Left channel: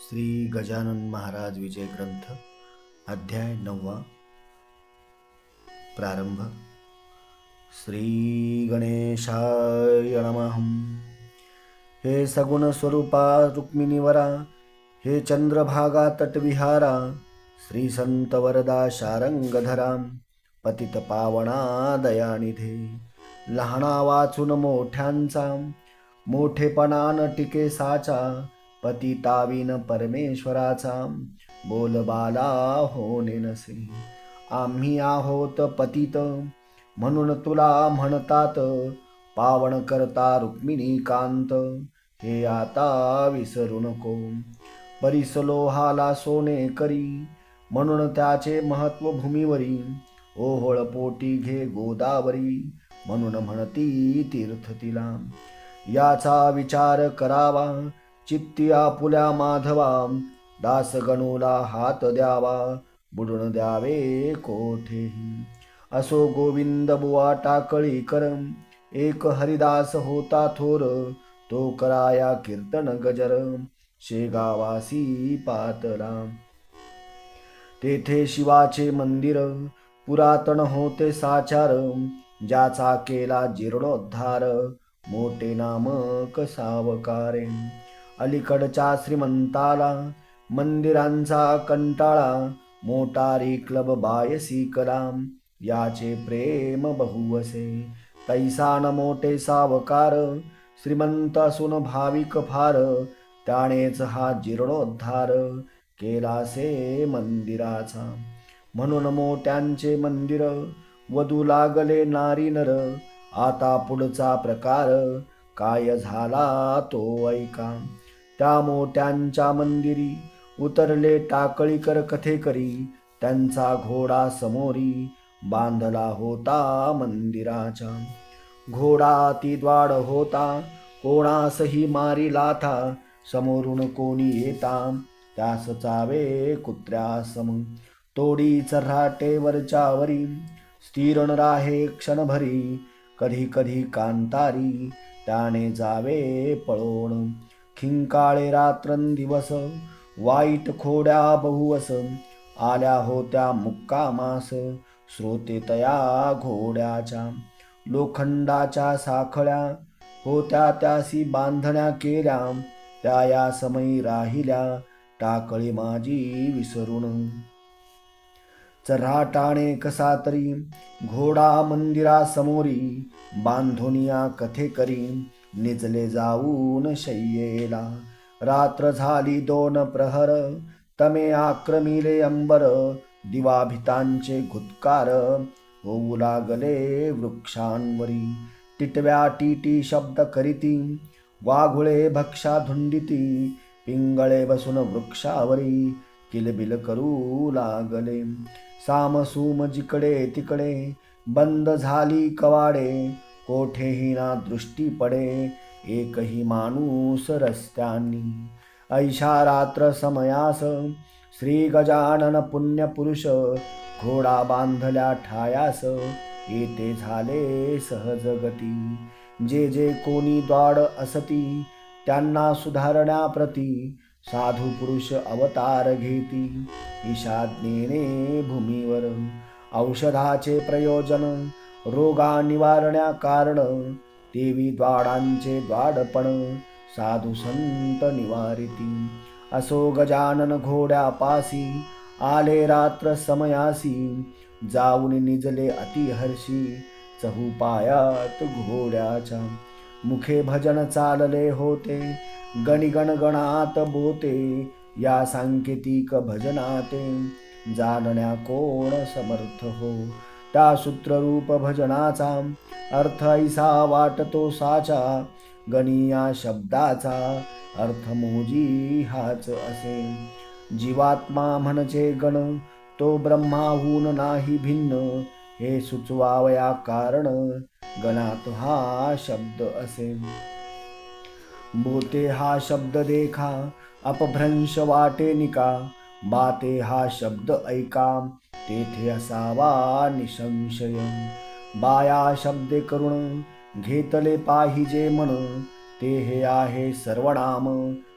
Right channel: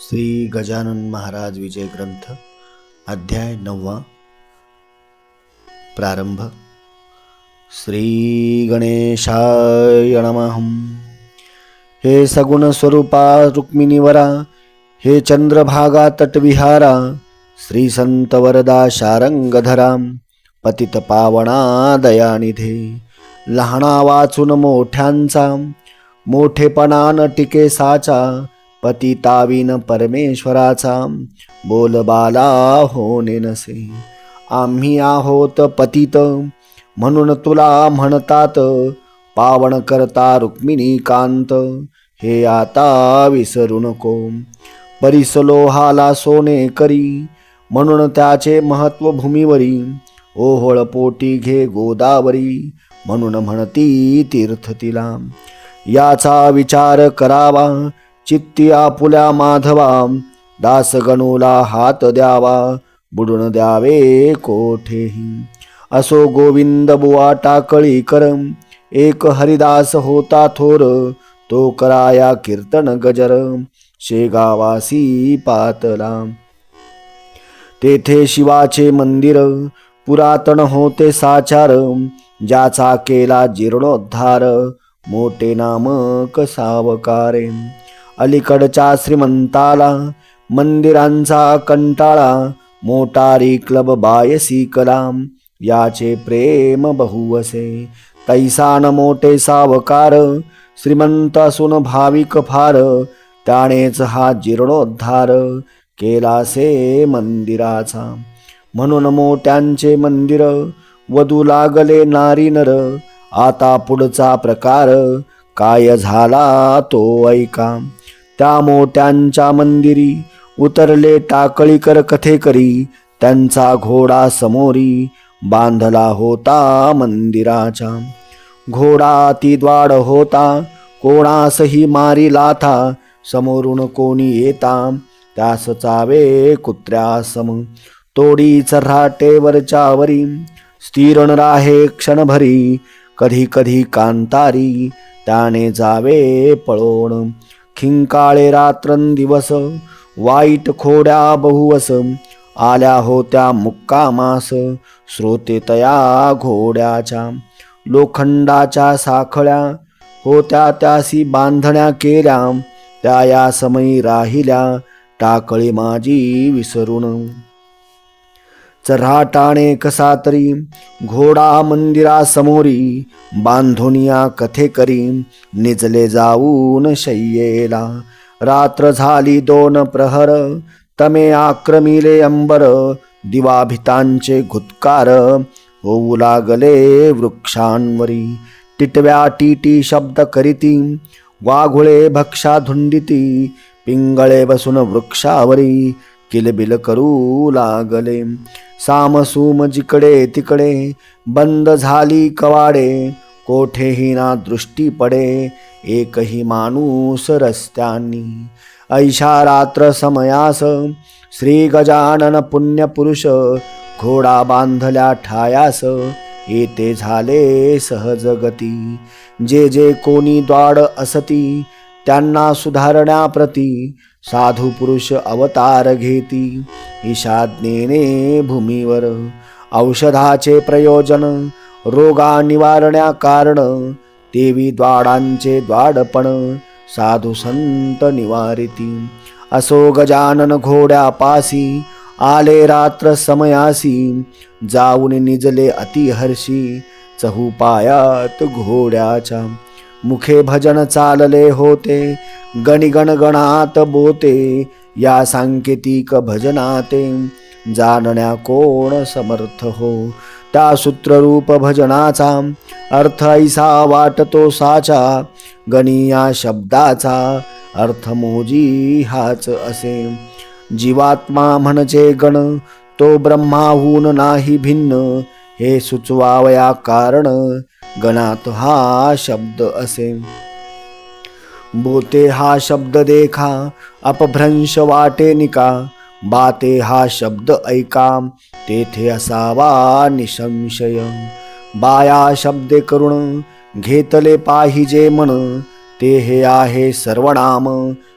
श्री गजानन महाराज विजय ग्रंथ अध्याय 9 प्रारंभ। श्री गणेशाय नमः। हे सगुण स्वरूपा रुक्मिणीवरा, हे चंद्रभागा तटविहारा, श्री संत वरदा शारंगधरा, पतित पावना दयानिधे, लहाना वाचून मोठ्यांचा, मोठेपणान टिके साचा, पतिताविन परमेश्वराचा, बोलबाला होणे नसे। आम्ही आहोत पतित म्हणून तुला म्हणतात, पावन करता रुक्मिणी कांत, हे आता विसरू नको। परिसलोहाला सोने करी, म्हणून त्याचे महत्व भूमीवरी, ओहोळ पोटी घे गोदावरी, म्हणून म्हणती तीर्थ तिला। याचा विचार करावा चित्ती आपुल्या माधवा, दासगणूला हात द्यावा, बुडून द्यावे कोठेही। असो गोविंद बुवा टाकळी करम, एक हरिदास होता थोर, तो कराया कीर्तन गजर, शेगावासी पातला। तेथे शिवाचे मंदिर पुरातन होते साचार, ज्याचा केला जीर्णोद्धार, मोठे नामक सावकारे। अलीकडच्या श्रीमंताला मंदिरांचा कंटाळा, मोटारी क्लब बायसी कलाम, याचे प्रेम बहुवसे। तैसान मोठे सावकार, श्रीमंत असून भाविक फार, त्यानेच हा जीर्णोद्धार केलासे मंदिराचा। म्हणून मोठ्यांचे मंदिर वधू लागले नारी नर, आता पुढचा प्रकार काय झाला तो ऐका। त्या मोठ्यांच्या मंदिरी उतरले टाकळीकर कथेकरी, त्यांचा घोडा समोरी बांधला होता मंदिराच्या। घोडा ती द्वाड होता, कोणासही मारी लाथा, समोरून कोणी येता, त्यास चावे कुत्र्यासम। तोडी चऱ्हाटेवरच्यावरी, स्थिर न राहे क्षणभरी, कधी कधी कांतारी, त्याने जावे पळोण। खिंकाळे रात्रंदिवस, वाईट खोड्या बहुवस, आल्या होत्या मुक्कामास, श्रोते तया घोड्याच्या। लोखंडाच्या साखळ्या होत्या त्यासी बांधण्या केल्या, त्या या समयी राहिल्या, टाकळी माझी विसरून। चऱ्हाटाने कसा तरी घोडा मंदिरासमोरी, बांधुनिया कथेकरी, निजले जाऊन शय्येला। रात्र झाली 2 प्रहर, तमे आक्रमिले अंबर, दिवाभितांचे घुत्कार होऊ लागले वृक्षांवरी। टिटव्या टीटी शब्द करीती, वाघुळे भक्षा धुंडिती, पिंगळे बसून वृक्षावरी किलबिल करू लागले। सामसूम जिकडे तिकडे बंद झाली कवाडे, कोठेही ना दृष्टी पडे, एकही माणूस रस्त्यांनी। ऐशा रात्र समयास श्री गजानन पुण्यपुरुष, घोडा बांधल्या ठायास, येते झाले सहजगती। जे जे कोणी द्वाड असती, त्यांना सुधारण्याप्रती, साधू पुरुष अवतार घेती, ईशाज्ञेने भूमीवर। औषधाचे प्रयोजन, रोगा निवारण्या कारण, देवी द्वाडांचे द्वाडपण, साधू संत निवारिती। असो गजानन घोड्यापासी, आले रात्र समयासी, जाऊन निजले अतिहर्षी, चहुपायात घोड्याच्या। मुखे भजन चालले होते, गणिगणगणात बोते, या सांकेतिक भजनाते, जाणण्या कोण समर्थ हो। त्या सूत्ररूप भजनाचा अर्थ ऐसा वाटतो साचा, गणी या शब्दाचा अर्थ मोजी हाच असे। जीवात्मा म्हणजे गण, तो ब्रह्माहून नाही भिन्न, हे सुचवावया कारण, गणात हा शब्द असे। बोते हा शब्द देखा, अपभ्रंश वाटे निका, बाते हा शब्द ऐका, तेथे असावा निसंशय। बाया शब्दे करुण घेतले पाहिजे मन, ते हे आहे सर्वनाम,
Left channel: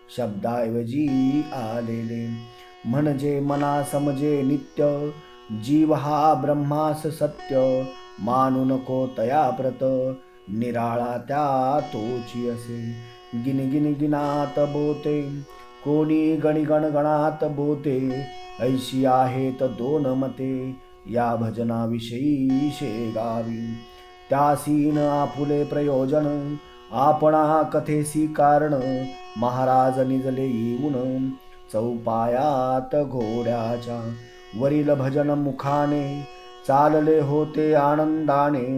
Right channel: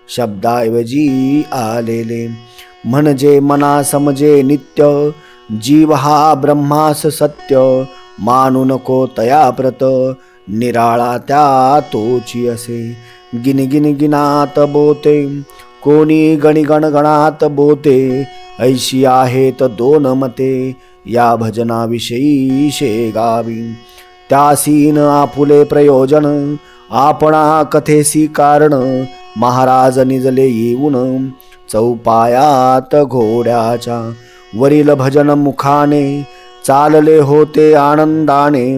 शब्दाऐवजी आलेले. म्हणजे मना समजे नित्य, जीव हा ब्रह्मास सत्य. मानू नको तया प्रत, निराळा त्या तोची असे. गिन गिन गिनात बोते, कोणी गणिगण गणात बोते. ऐशी आहेत दोन मते, या भजनाविषयी शेगावी. त्यासी न आपुले प्रयोजन, आपणा कथेसी कारण. महाराज निजले येऊन, चौपायात घोड्याच्या. वरील भजन मुखाने, चालले होते आनंदाने.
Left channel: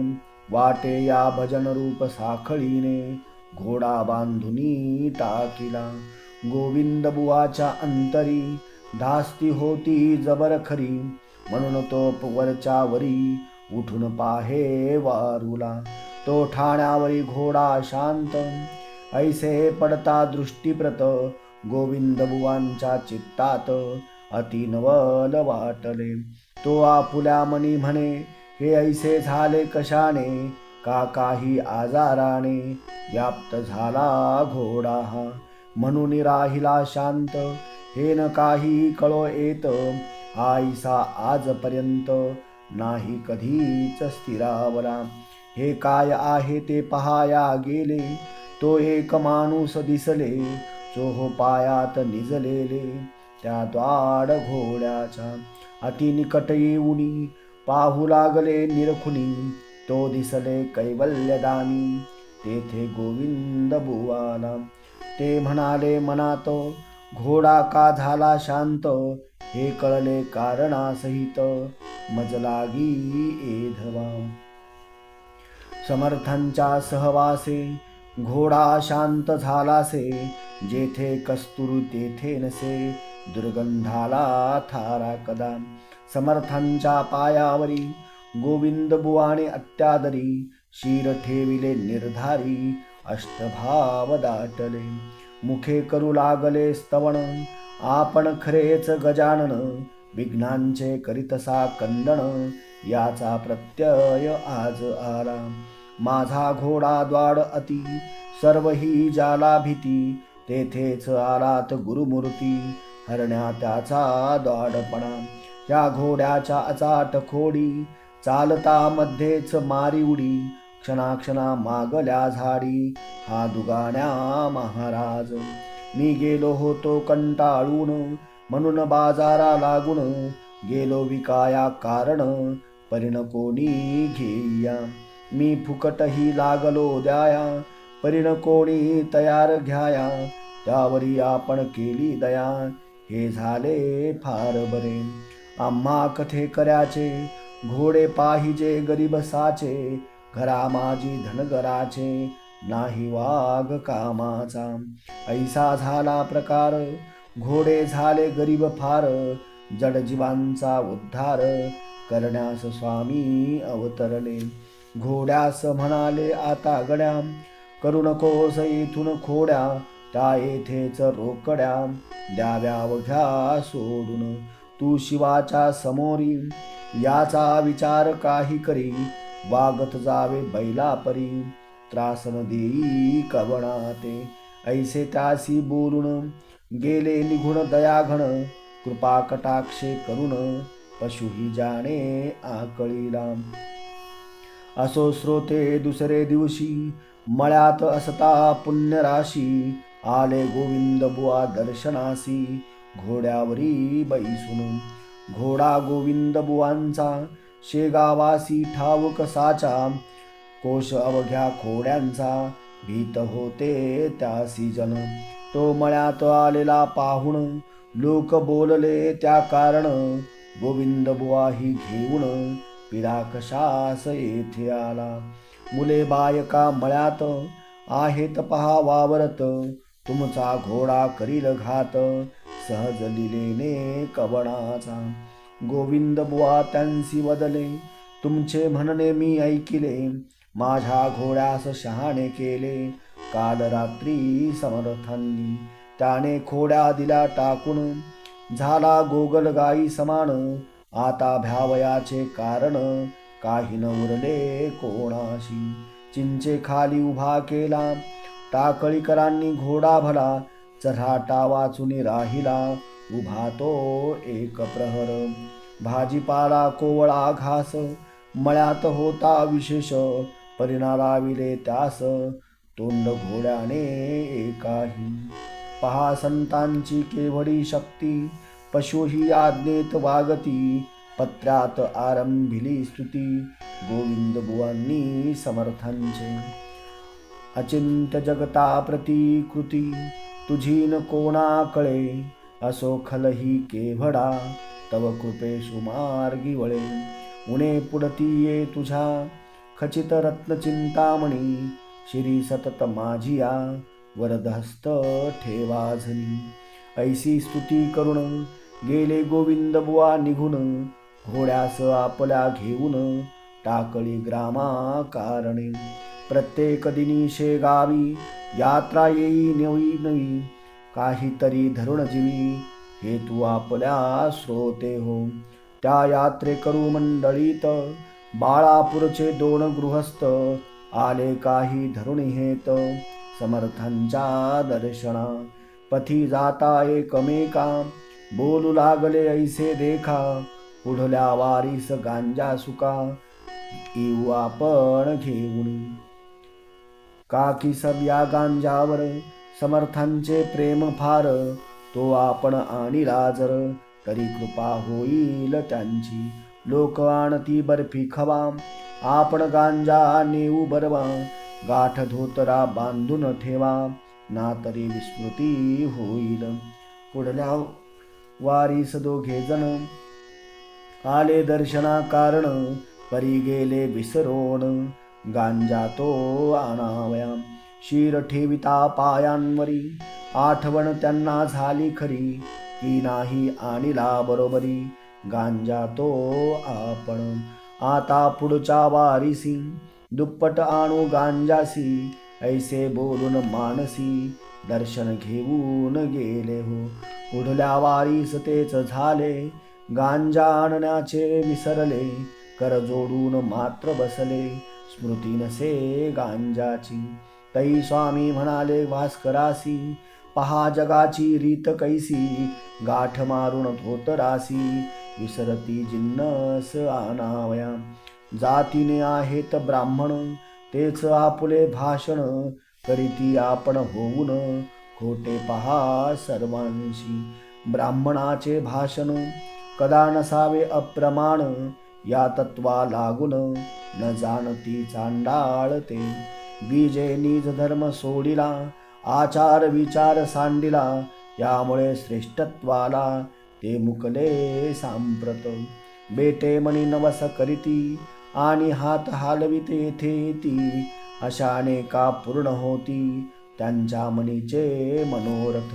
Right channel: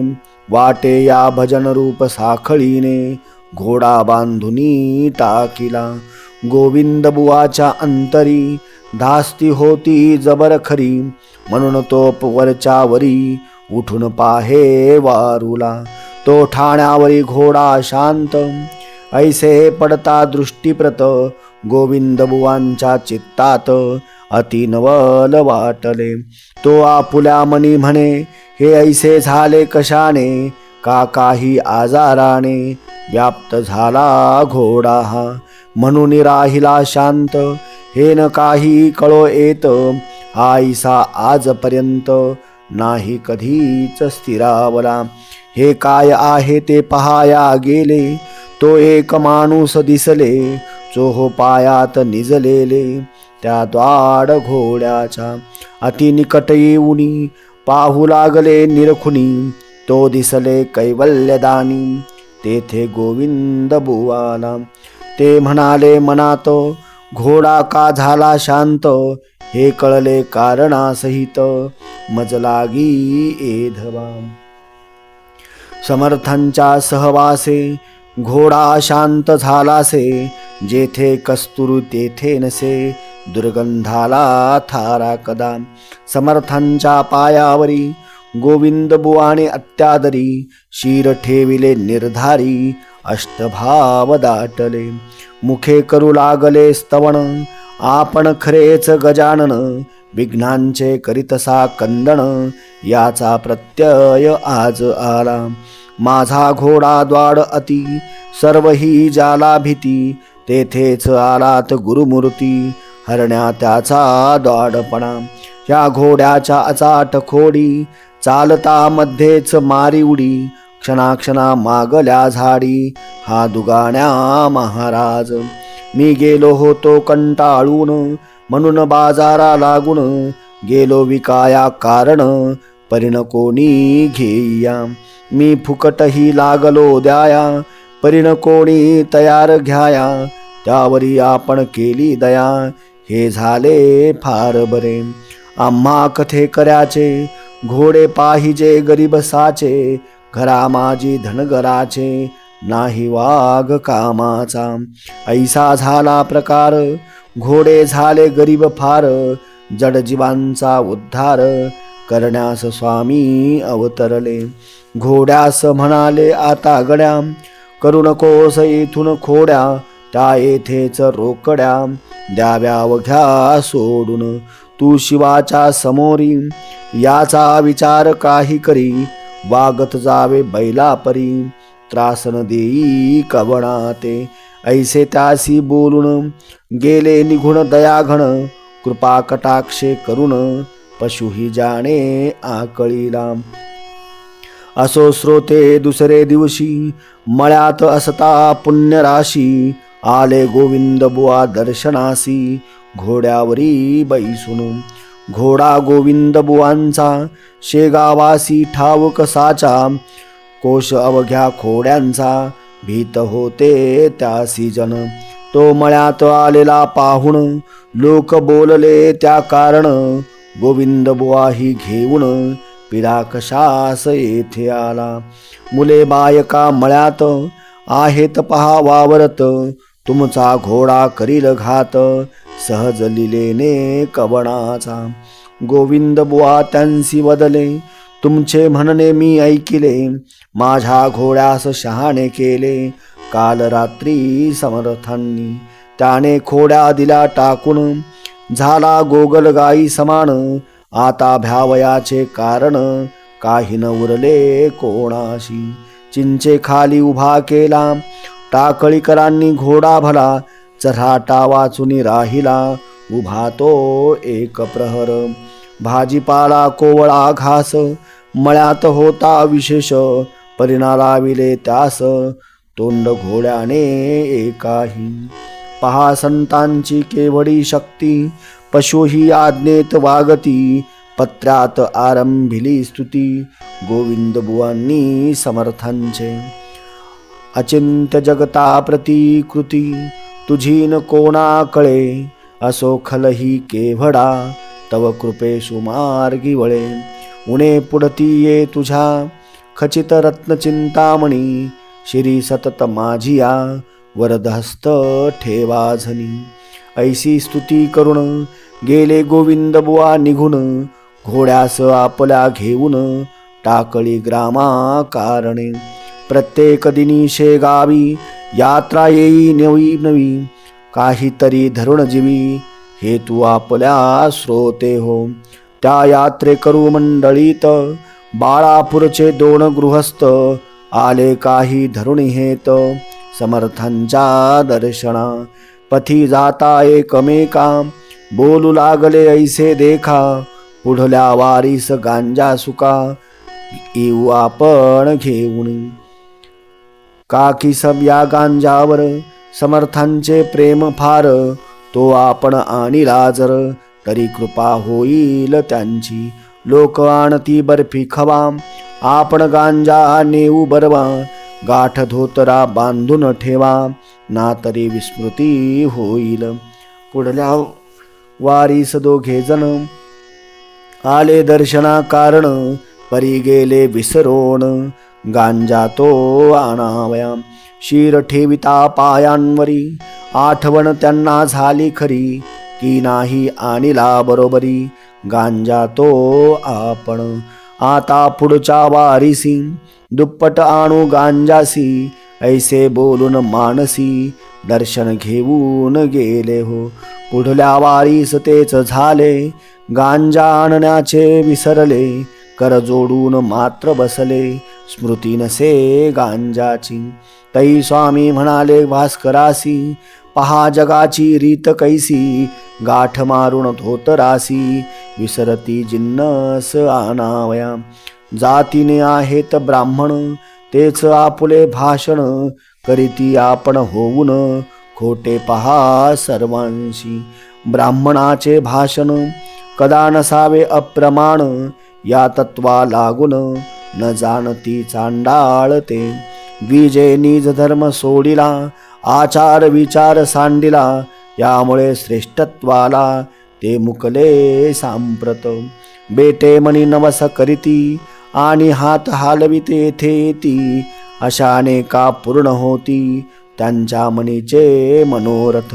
वाटे या भजन रूप साखळीने, घोडा बांधुनी टाकिला. गोविंद बुवाच्या अंतरी, धास्ती होती जबर खरी. म्हणून तो वरच्या वरी, उठून पाहे वारुला. तो ठाण्यावरी घोडा शांत, ऐसे पडता दृष्टीप्रत. गोविंद बुवांच्या चित्तात, अति नवल वाटले. तो आपुल्या मनी म्हणे, हे ऐसे झाले कशाने. का काही आजाराने, व्याप्त झाला घोडा हा. म्हणून राहिला शांत, हे न काही कळो येत. आईसा आजपर्यंत, नाही कधीच स्थिरावला. हे काय आहे ते पहाया गेले, तो एक माणूस दिसले. चोहो पायात निजलेले, त्या द्वाड घोड्याच्या. अति निकट येऊनी, पाहू लागले निरखुनी. तो दिसले कैवल्यदानी, तेथे गोविंद बुवाला. ते म्हणाले मनात, घोडा का झाला शांत. हे कळले कारणासहित, मज लागी एधवा. समर्थांच्या सहवासे, घोडा शांत झालासे. जेथे कस्तुर तेथे नसे, दुर्गंधाला थारा कदा. समर्थांच्या पायावरी, गोविंद बुवाने अत्यादरी. शिर ठेविले निर्धारी, अष्टभाव दाटले. मुखे करू लागले स्तवन, आपण खरेच गजानन. विघ्नांचे करीतसा कंदन, याचा प्रत्यय आज आला. माझा घोडा द्वाड अति, सर्व ही जाला भीती. तेथेच आलात गुरुमूर्ती, हरण्या त्याचा द्वाडपणा. या घोड्याच्या अचाट खोडी, चालता मध्येच मारी उडी. क्षणाक्षणा मागल्या झाडी, हा दुगाण्या महाराज. मी गेलो होतो कंटाळून, म्हणून बाजारा लागून. गेलो विकाया कारण, परिण कोणी घेईया. मी फुकटही लागलो द्याया, परिण कोणी तयार घ्याया. त्यावरी आपण केली दया, हे झाले फार बरे. आम्हा कथे कराचे, घोडे पाहिजे गरीब साचे. घरा माझी धनगराचे, नाही वाघ कामाचा. ऐसा झाला प्रकार, घोडे झाले गरीब फार. जड जीवांचा उद्धार, करण्यास स्वामी अवतरले. घोड्यास म्हणाले आता गड्या, करू नकोस इथून खोड्या. त्या येथेच रोकड्या, द्याव्या वघ्या सोडून. तू शिवाच्या समोरी, याचा विचार काही करी. वागत जावे बैला परी, त्रास न देई कवणाते. ऐसे त्यासी बोलून, गेले निघून दयाघन. कृपा कटाक्षे करून, पशुही जाणे आकळीला. असो श्रोते दुसरे दिवशी, मळ्यात असता पुण्यराशी. आले गोविंद बुवा दर्शनासी, घोड्यावरी बैसून. घोडा गोविंद बुवांचा, शेगावासी ठाऊक साचा. कोश अवघ्या खोड्यांचा, भीत होते त्यासी जन. तो मळ्यात आलेला पाहून, लोक बोलले त्या कारण. गोविंद बुवाही घेऊन, पिढा कशास येथे आला. मुले बायका मळ्यात, आहेत पहा वावरत. तुमचा घोडा करील घात, सहज लिलेने कवणाचा. गोविंद बुवा त्यांसी वदले, तुमचे म्हणणे मी ऐकिले. माझ्या घोड्यास शहाणे केले, काल रात्री समर्थांनी. त्याने खोड्या दिल्या टाकून, झाला गोगलगाई समान. आता भ्यावयाचे कारण, काही न उरले कोणाशी. चिंचे खाली उभा केला, टाकळीकरांनी घोडा भला. चऱ्हाटा वाचून राहिला उभा तो एक प्रहर. भाजीपाला कोवळा घास मळ्यात होता विशेष, परिणा लाविले त्यास तोंड घोड्याने एकाही. पहा संतांची केवढी शक्ती, पशुही आज्ञेत वागती. पत्र्यात आरंभिली स्तुती, गोविंद बुवांनी समर्थांचे. अचिंत्य जगता प्रतिकृती, तुझी न कोणा कळे. असो खलही केवढा, तव कृपेशु मार्गी वळे. उणे पुढती ये तुझ्या, खचित रत्न चिंतामणी. शिरी सतत माझिया, वरदहस्त ठेवा झनी. ऐसी स्तुती करून गेले गोविंद बुवा निघून. घोड्यास आपल्या घेऊन टाकळी ग्रामा कारणे. प्रत्येक दिनी शेगावी यात्रा येई नवी नवी. काहीतरी धरुण जीवी, हे तू आपल्या श्रोते हो. त्या यात्रे करू मंडळीत, बाळापूरचे 2 गृहस्थ. आले काही धरुणी हेत, समर्थांच्या दर्शना. पथी जाता एकमेका, बोलू लागले ऐसे देखा. पुढल्या वारीस गांजा सुका, येऊ आपण घेऊन. काकी सब या गांजावर, समर्थांचे प्रेम फार. तो आपण आणिला जर, तरी कृपा होईल त्यांची. लोक आणती बर्फी खवा, आपण गांजा नेऊ बरवा. गाठ धोतरा बांधून ठेवा, ना तरी विस्मृती होईल. पुढल्या वारीस 2 जण आले दर्शना कारण. परी गेले विसरोण, गांजा तो आणावया. शीर ठेविता पायांवरी, आठवण त्यांना झाली खरी. की नाही आणिला बरोबरी, गांजा तो आपण. आता पुढच्या वारीसी, दुप्पट आणू गांजासी. ऐसे बोलून मानसी, दर्शन घेऊन गेले हो. पुढल्या वारीस तेच झाले, गांजा आणण्याचे विसरले. कर जोडून मात्र बसले, स्मृती नसे गांजाची. तै स्वामी म्हणाले भास्करासी, पहा जगाची रीत कैसी. गाठ मारून धोतरासी, विसरती जिन्नस आणावया. जातीने आहेत ब्राह्मण, तेच आपुले भाषण. करीती आपण होऊन, खोटे पहा सर्वांशी. ब्राह्मणाचे भाषण कदा नसावे अप्रमाण. या तत्वा लागून, न जाणती चांडाळ ते. द्विजे निज धर्म सोडिला, आचार विचार सांडिला. यामुळे श्रेष्ठत्वाला, ते मुकले सांप्रत. बेटे मनी नवस करीती, आणि हात हालविते येथे. अशाने का पूर्ण होती, त्यांच्या मनीचे मनोरथ.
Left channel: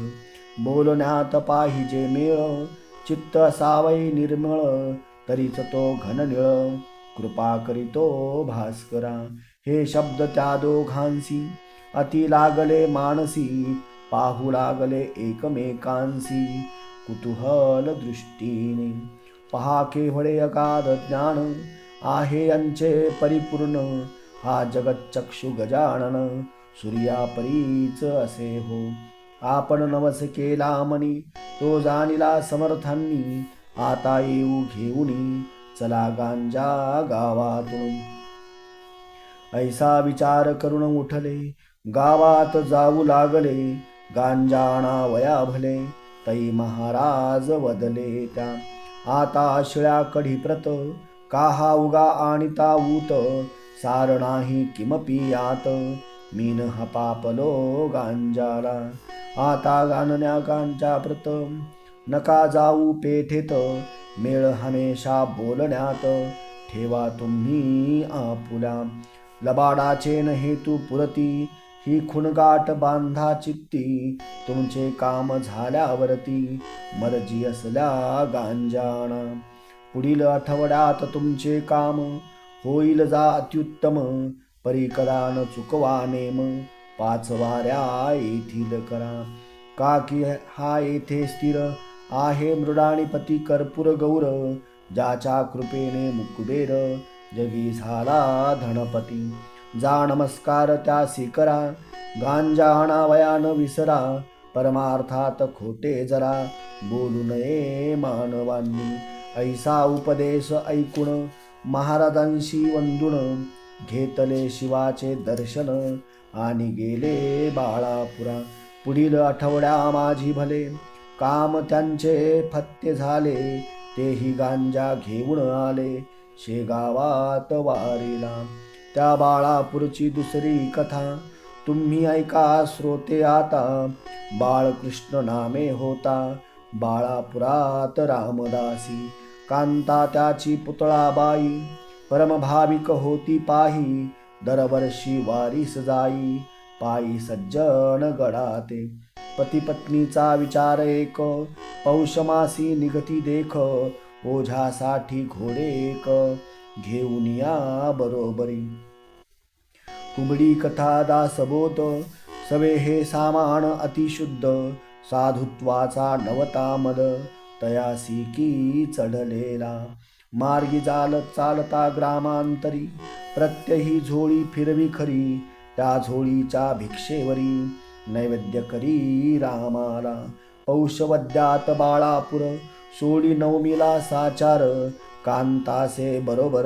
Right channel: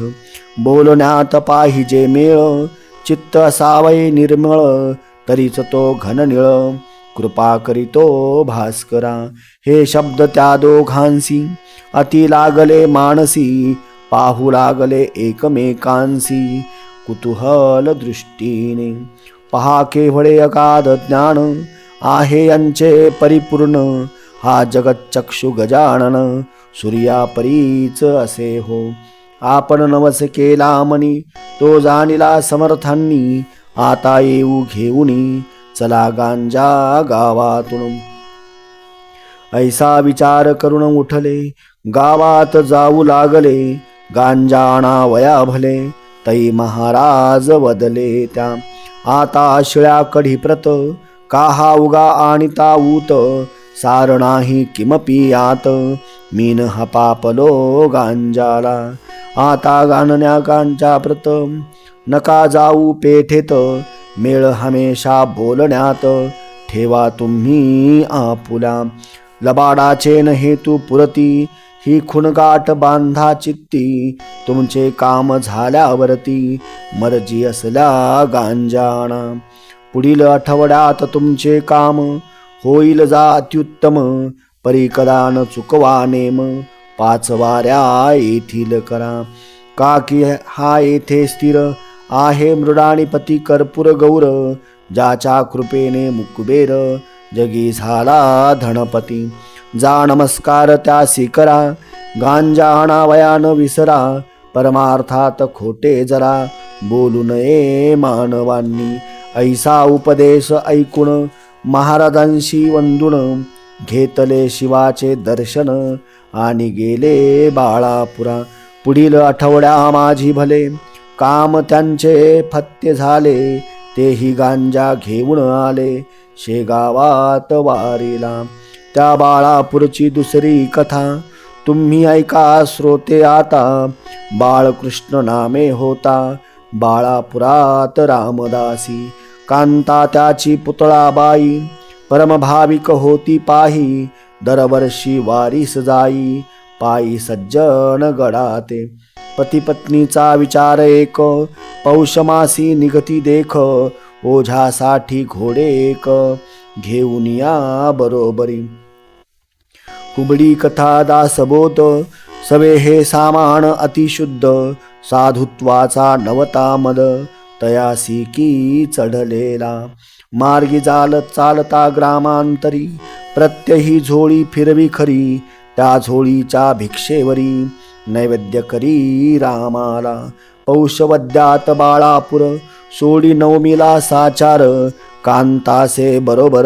बोलण्यात पाहिजे मेळ, चित्त असावै निर्मळ. तरीच तो घननिळ, कृपा करीतो भास्करा. हे शब्द त्या दोघांसी, अति लागले मानसी. पाहू लागले एकमेकांसी, कुतूहल दृष्टीने. पहा केवळे अगाध ज्ञान, आहे यांचे परिपूर्ण. हा जगच्चक्षु गजानन, सूर्यापरीच असे हो. आपण नवस केला मनी, तो जाणिला समर्थांनी. आता येऊ घेऊनी, चला गांजा गावातून. ऐसा विचार करून उठले, गावात जाऊ लागले. गांजा आणावया भले, तै महाराज वदले त्या. आता शिळ्या कढी प्रत, काहा उगा आणिता ऊत. सार नाही किमपि यात, मीन हपापलो गांजाला. आता गाणण्या गांजा प्रत, नका जाऊ पेठेत. मेळ हमेशा बोलण्यात, ठेवा तुम्ही आपुला. लबाडाचे न हेतू पुरती, ही खुणगाठ बांधा चित्ती. तुमचे काम झाल्यावरती, मर्जी असल्या गांजाणा. पुढील आठवड्यात तुमचे काम, होईल जा अत्युत्तम. परी कदा न चुकवा नेम, 5 वाऱ्या येथील करा. काकी हा येथे स्थिर आहे, मृडाणीपती कर्पूर गौर. ज्याच्या कृपेने मुकुबेर, जगी झाला धनपती. जा नमस्कार त्यासी करा, गांजा आणावया न विसरा. परमार्थात खोटे जरा बोलू नये मानवांनी. ऐसा उपदेश ऐकून महाराजांशी वंदून घेतले शिवाचे दर्शन आणि गेले बाळापुरा. पुढील आठवड्या माझी भले काम त्यांचे फत्ते झाले. तेही गांजा घेऊन आले शेगावात वारीला. त्या बाळापूरची दुसरी कथा तुम्ही ऐका श्रोते आता. बाळकृष्ण नामे होता बाळापुरात रामदासी. कांता त्याची पुतळाबाई परमभाविक होती पाही. दरवर्षी वारीस जाई पायी सज्जन गडाते. पती पत्नीचा विचार एक पौषमासी निघती देख. ओझ्यासाठी घोडे एक घेऊन या बरोबरी. कुबडी कथा दासबोध सवे हे सामान अतिशुद्ध. साधुत्वाचा नवता मद तयासी की चढलेला. मार्गी चालता ग्रामांतरी प्रत्यही झोळी फिरवी खरी. त्या झोळीच्या भिक्षेवरी नैवेद्य करी रामाला. पौषवद्यात बाळापूर सोडी नवमीला साचार. कांतासे बरोबर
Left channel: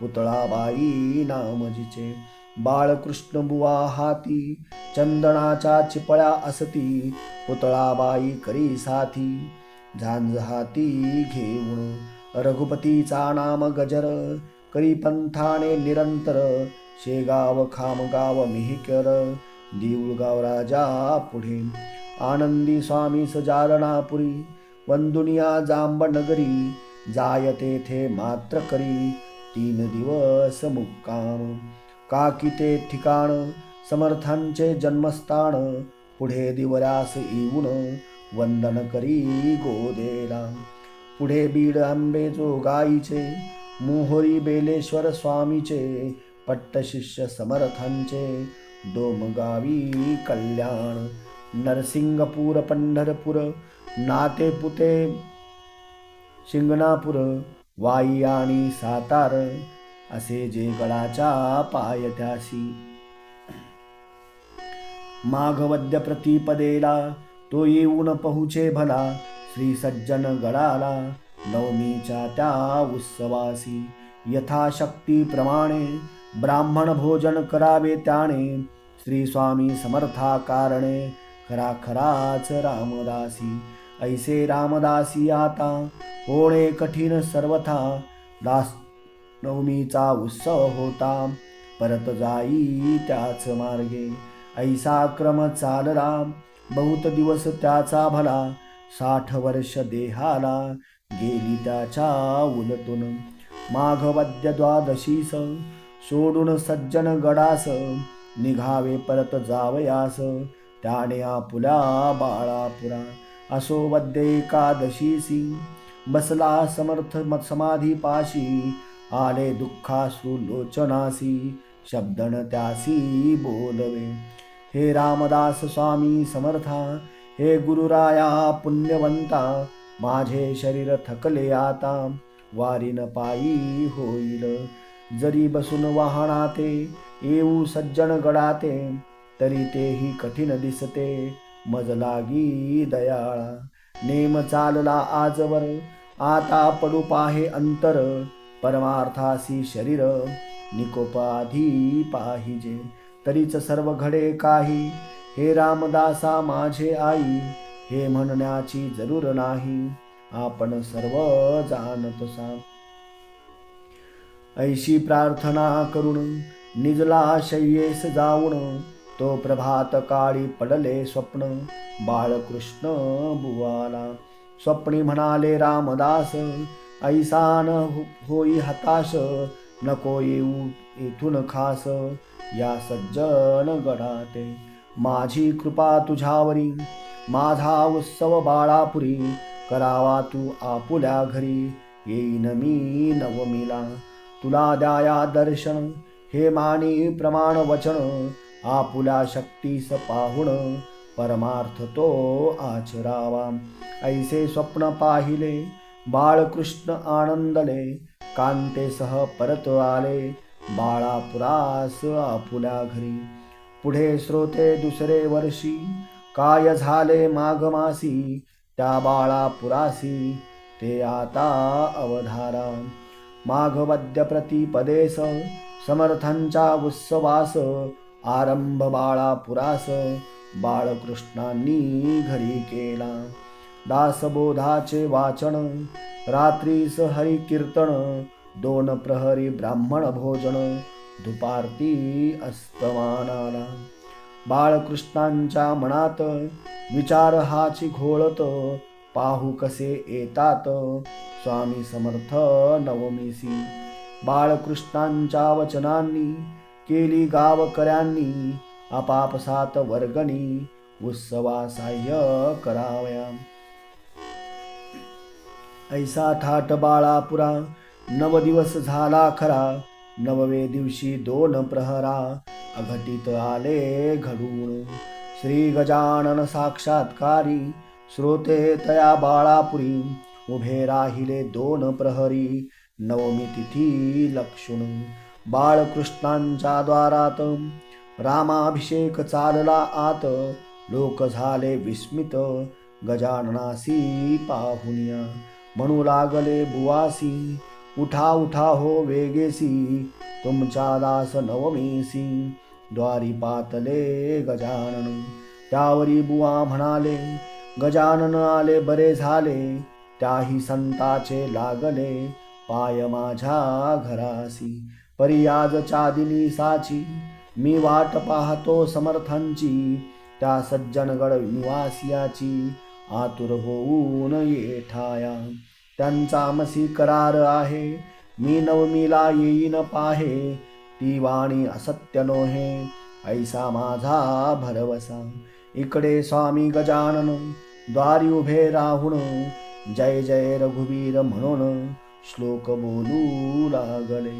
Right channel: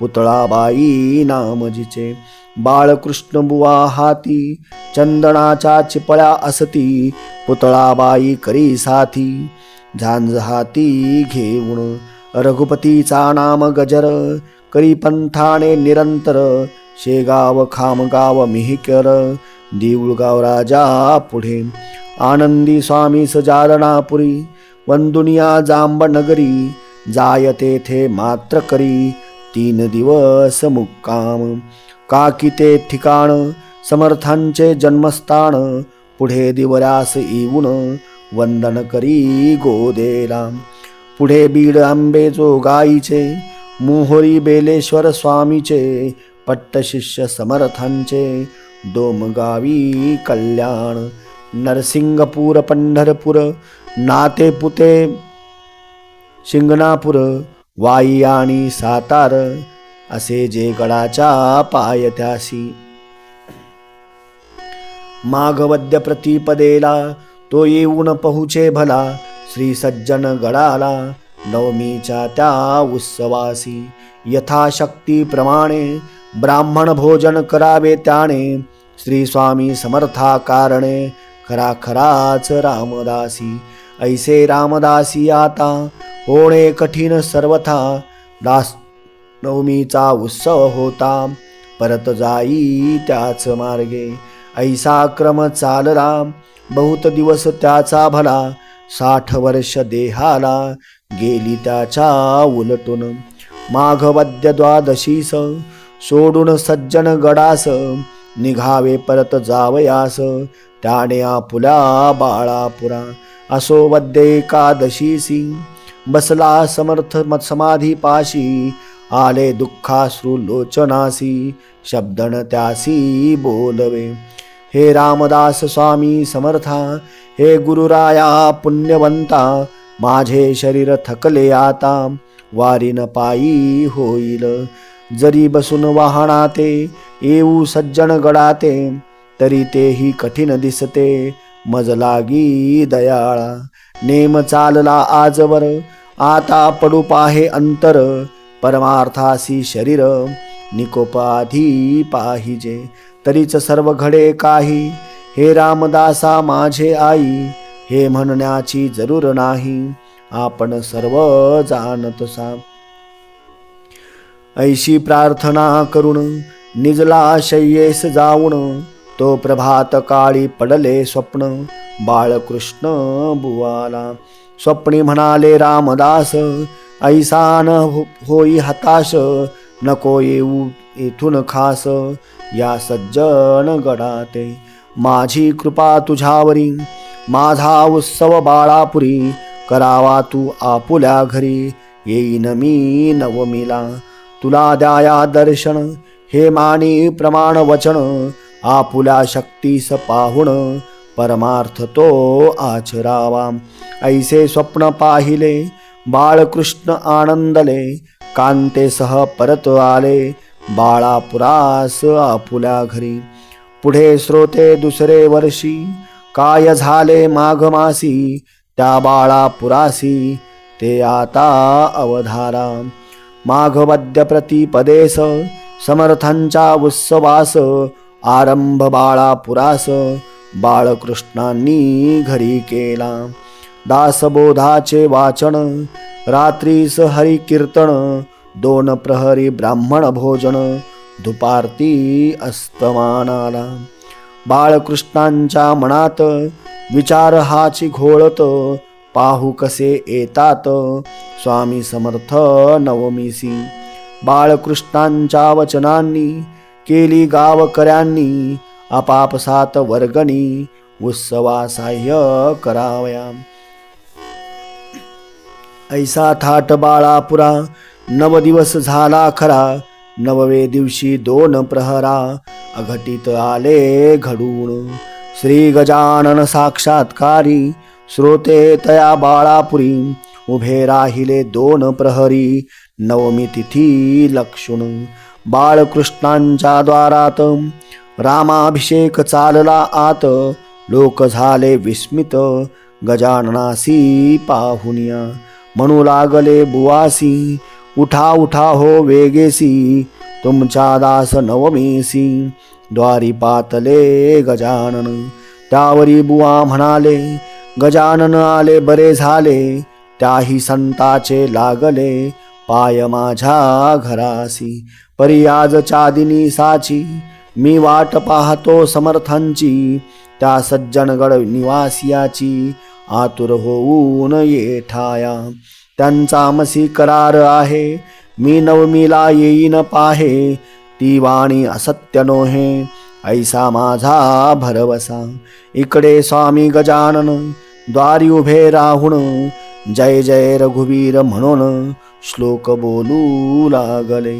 पुतळाबाई नामजीचे. बाळकृष्ण बुवा हाती चंदनाच्या चिपळ्या असती. पुतळाबाई करी साथी झांज हाती घेऊन. रघुपतीचा नाम गजर करी पंथाने निरंतर. शेगाव खामगाव मिहिकर देऊळगाव राजा पुढे. आनंदी स्वामी सजालनापुरी वंदुनिया जांब नगरी. जाय तेथे मात्र करी 3 दिवस मुक्काम. काकी ते ठिकाण समर्थांचे जन्मस्थान. पुढे दिवऱ्यास येऊन वंदन करी गोदेला. पुढे बीड आंबे जोगाईचे मोहोरी बेलेश्वर स्वामीचे. पट्टशिष्य समर्थांचे डोमगावी कल्याण. नरसिंगपूर पंढरपूर नातेपुते शिंगणापूर वाई आणि सातार असे जे गडाच्या पायथ्यासी. माघवद्य प्रतिपदेला तो येऊन पहुचे भला. श्री सज्जन गडाला नवमीच्या त्या उत्सवासी. यथाशक्तीप्रमाणे ब्राह्मण भोजन करावे त्याने. श्री स्वामी समर्था कारणे खराखराच रामदासी. ऐसे रामदासी आता होणे कठीण सर्वथा. दास नवमीचा उत्सव होता परत जाई त्याच मार्गे. ऐसा क्रम चालला बहुत दिवस त्याचा भला. 60 वर्ष देहाला गेली त्याच्या उलटून. माघवद्य द्वादशीस सोडून सज्जन गडास. निघावे परत जावयास त्याने आपुल्या बाळापुरा. असो वद्य एकादशीसी बसला समर्थ समाधी पाशी. आले दुःखाश्रू लोचनासी शब्दन त्यासी बोलवे. हे रामदास स्वामी समर्था हे गुरुराया पुण्यवंता. माझे शरीर थकले आता वारीन पायी होईल. जरी बसून वाहनाते येऊ सज्जन गडाते. तरी तेही कठीण दिसते मज लागी दयाळा. नेम चालला आजवर आता पडू पाहे अंतर. परमार्थासी शरीर निकोपाधी पाहिजे. तरीच सर्व घडे काही हे रामदासा माझे आई. हे म्हणण्याची जरूर नाही आपण सर्व जाणतसा. ऐशी प्रार्थना करून निजला शय्येस जाऊन. तो प्रभात काळी पडले स्वप्न बाळकृष्ण बुवाला. स्वप्नी म्हणाले रामदास ऐसा न होई हताश. नको येऊ येथून खास या सज्जन गडाते. माझी कृपा तुझ्यावरी माझा उत्सव बाळापुरी. करावा तू आपुल्या घरी येईन मी नवमीला. तुला द्याया दर्शन हे मानी प्रमाण वचन. आपुल्या शक्तीस पाहुण परमार्थ तो आचरावा. ऐसे स्वप्न पाहिले बाळकृष्ण आनंदले. कांतेसह परत आले बाळापुरास आपुल्या घरी. पुढे श्रोते दुसरे वर्षी काय झाले माघ मासी त्या बाळा पुरासी, ते आता अवधारा. माघवद्य प्रतिपदेस समर्थांच्या उत्सवास, आरंभ बाळा पुरास बाळकृष्णांनी घरी केला. दासबोधाचे वाचन रात्रीस हरी कीर्तन, दोन प्रहरी ब्राह्मण भोजन दुपारती अस्तमानाला. बाळकृष्णांच्या मनात विचार हाची घोळत, पाहू कसे येतात स्वामी समर्थ नवमीसी. बाळकृष्णांच्या वचनांनी केली गावकऱ्यांनी, आपापसात वर्गणी उत्सवा साह्य करावया. ऐसा थाट बाळापुरा 9 दिवस झाला खरा, 9वे दिवशी 2 प्रहरा अघटित आले घडून. श्री गजानन साक्षात्कारी श्रोते तया बाळापुरी, उभे राहिले 2 प्रहरी नवमी तिथी लक्षून. बाळकृष्णांच्या द्वारात रामाभिषेक चालला आत, लोक झाले विस्मित गजाननासी पाहुनिया. म्हणू लागले बुवासी, उठा उठा हो वेगेसी, तुमच्या दास नवमीसी द्वारी पातले गजानन. त्यावरी बुवा म्हणाले, गजानन आले बरे झाले, त्याही संताचे लागले पाय माझ्या घरासी. परी आजच्या दिनीसाची मी वाट पाहतो समर्थांची, त्या सज्जनगड निवासियाची आतुर होऊन येठाया. त्यांचा मसी करार आहे, मी नवमीला येईन पाहे, ती वाणी असत्य नोहे ऐसा माझा भरवसा. इकडे स्वामी गजानन द्वारी उभे राहून, जय जय रघुवीर म्हणून श्लोक बोलू लागले.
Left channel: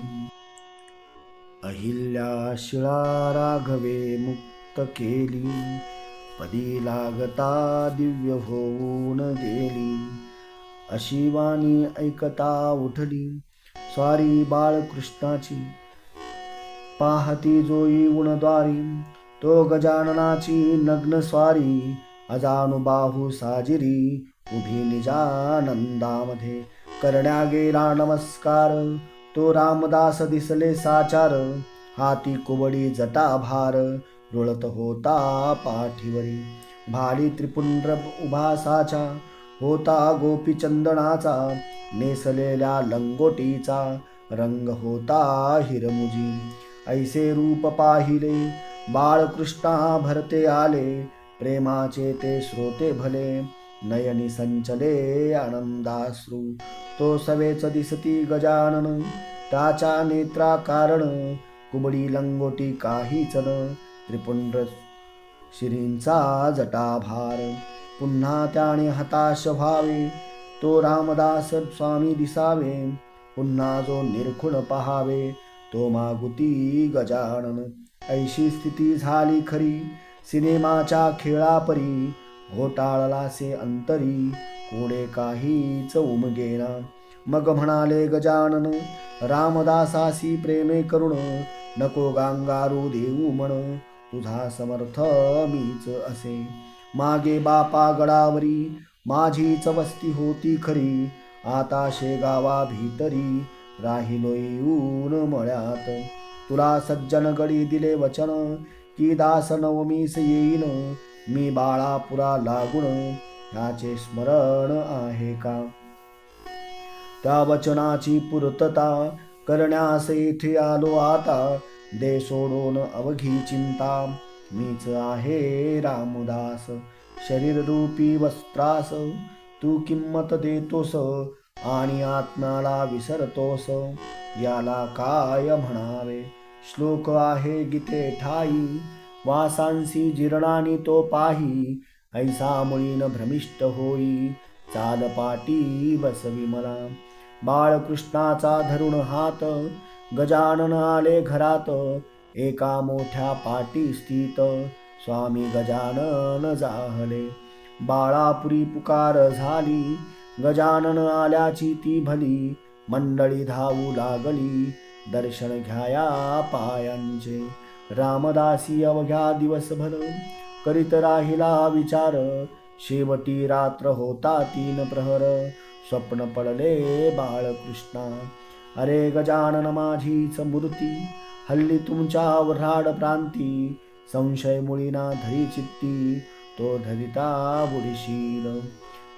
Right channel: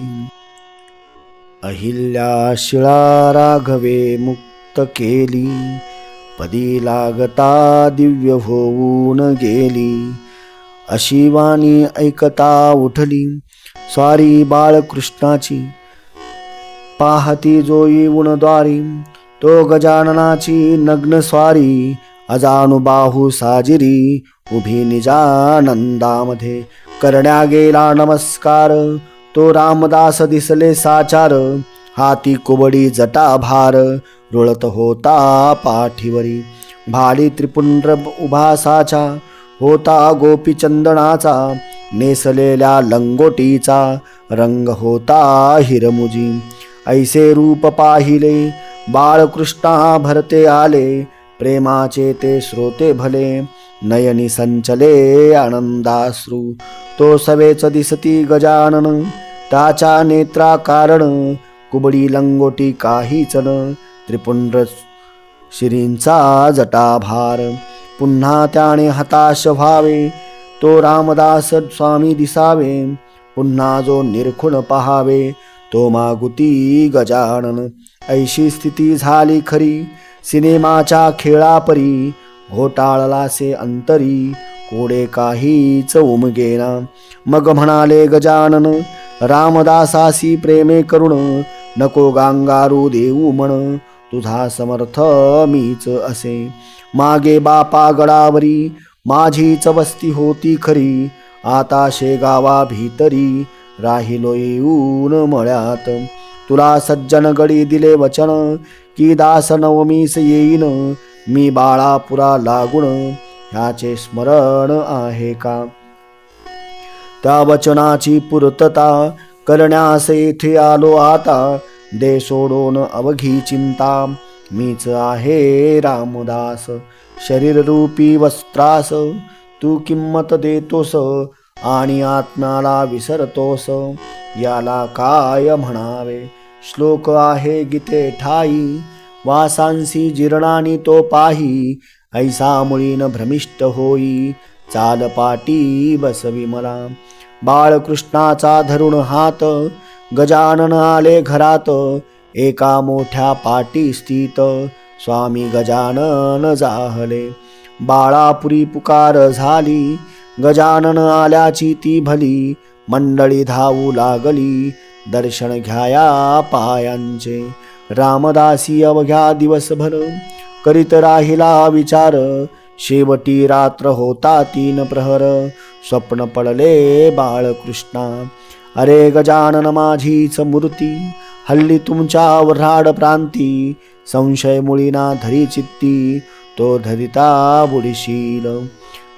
अहिल्या शिळा राघवे मुक्त केली, पदी लागता दिव्य होऊन गेली. अशी वाणी ऐकता उठली स्वारी बाळकृष्णाची, पाहती जो येऊन द्वारी तो गजाननाची नग्न स्वारी. अजानुबाहू साजिरी उभी निजानंदामध्ये, करण्या गेला नमस्कार तो रामदास दिसले साचार. हाती कुबडी जटाभार रुळत होता पाठीवरी, भाली त्रिपुंड्र उभासाचा होता गोपीचंदनाचा. नेसलेल्या लंगोटीचा रंग होता हिरमुजी. ऐसे रूप पाहिले बाळकृष्णा भरते आले, प्रेमाचे ते श्रोते भले नयनी संचले आनंदाश्रू. तो सवेच दिसती गजानन त्याच्या नेत्रा कारण, कुबडी लंगोटी काहीच न त्रिपुंड्र शिरींचा जटाभार. पुन्हा त्याने हताश व्हावे तो रामदास स्वामी दिसावे, पुन्हा जो निरखुन पहावे तो मागुती गजानन. ऐशी स्थिती झाली खरी सिनेमाच्या खेळापरी, घोटाळलासे अंतरी कोडे काहीच उमगेना. मग म्हणाले गजानन रामदासासी प्रेमे करुण, नको गांगारू देऊ म्हण तुझा समर्थ मीच असे. मागे बापा गडावरी माझीच वस्ती होती खरी, आता शेगावा भीतरी राहिलो येऊन मळ्यात. तुला सज्जन गडी दिले वचन की दास नवमीस येईन, मी बाळापुरा लागून ह्याचे स्मरण आहे का. त्या वचनाची पूर्तता करण्यास येथे आलो आता, दे सोडून अवघी चिंता मीच आहे रामदास. शरीर रूपी वस्त्रास तू किंमत देतोस आणि आत्म्याला विसरतोस, याला काय म्हणावे. श्लोक आहे गीते ठाई, वासांसी जीर्णानी तो पाही. ऐसा मुळीन भ्रमिष्ट होई, चाल पाटी बसवी मला. बाळकृष्णाचा धरुण हात गजानन आले घरात, एका मोठ्या पाटी स्थित स्वामी गजानन जाहले. बाळापुरी पुकार झाली, गजानन आल्याची ती भली. मंडळी धावू लागली, दर्शन घ्याया पायांचे. रामदासी अवघ्या दिवसभर करीत राहिला विचार, शेवटी रात्र होता 3 प्रहर, स्वप्न पडले बाळकृष्णा. अरे गजानन माझीच मूर्ती, हल्ली तुमच्यावर राड प्रांती, संशय मुळीना धरी चित्ती, तो धरिता बुडशील.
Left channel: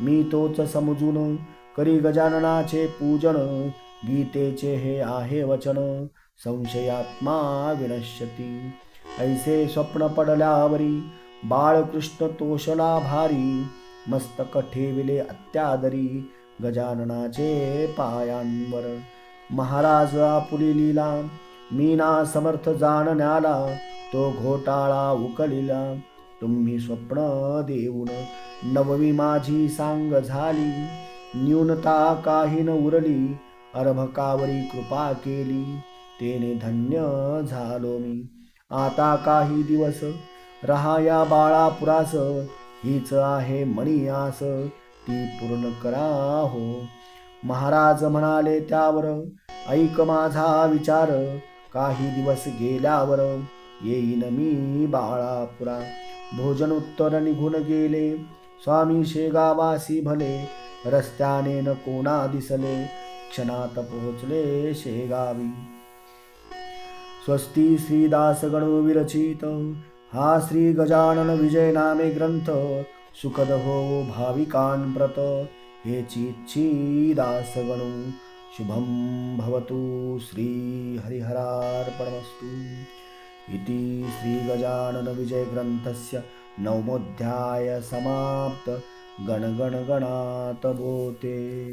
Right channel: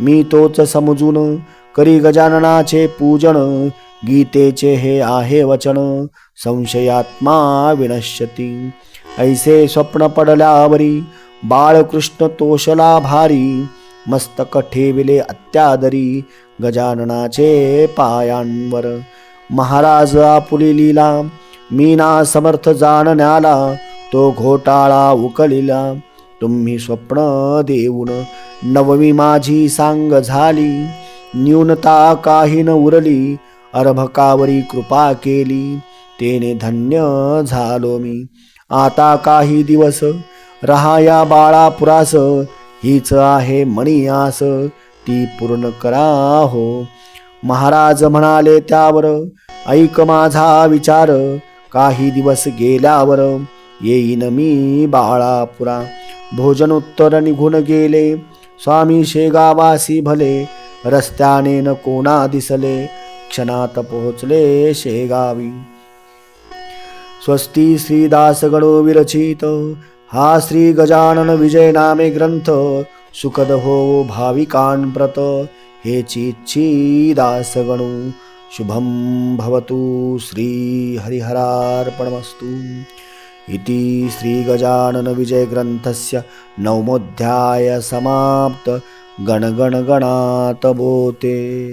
मी तोच समजून करी गजाननाचे पूजन, गीतेचे हे आहे वचन, संशयात्मा विनश्यती. ऐसे स्वप्न पडल्यावरी, बाळकृष्ण तोषला भारी, मस्तक ठेविले अत्यादरी, गजाननाचे पायांवर. महाराज आपुली लीला, मीना समर्थ जाणण्याला, तो घोटाळा उकलिला. तुम्ही स्वप्न देऊन नवमी माझी सांग झाली, न्यूनता काही न उरली, अर्भकावरी कृपा केली, तेने धन्य झालो मी. आता काही दिवस रहाया बाळापुरास, हीच आहे मणी आस, ती पूर्ण करा हो. महाराज म्हणाले त्यावर, ऐक माझा विचार, काही दिवस गेल्यावर येईन मी बाळापुरा. भोजन उत्तर निघून गेले, स्वामी शेगावासी भले, रस्त्याने न कोणा दिसले, क्षणात पोहोचले शेगावी. स्वस्ती श्रीदास गणो विरचित, हा श्री गजानन विजय नामे ग्रंथ, सुखद हो भाविकांप्रत, हेची इच्छी दास गणो. शुभं भवतु. श्री हरिहरार्पणमस्तु. इति श्री गजानन विजय ग्रंथस्य 9मोऽध्याय समाप्त. गण गण गणात बोते.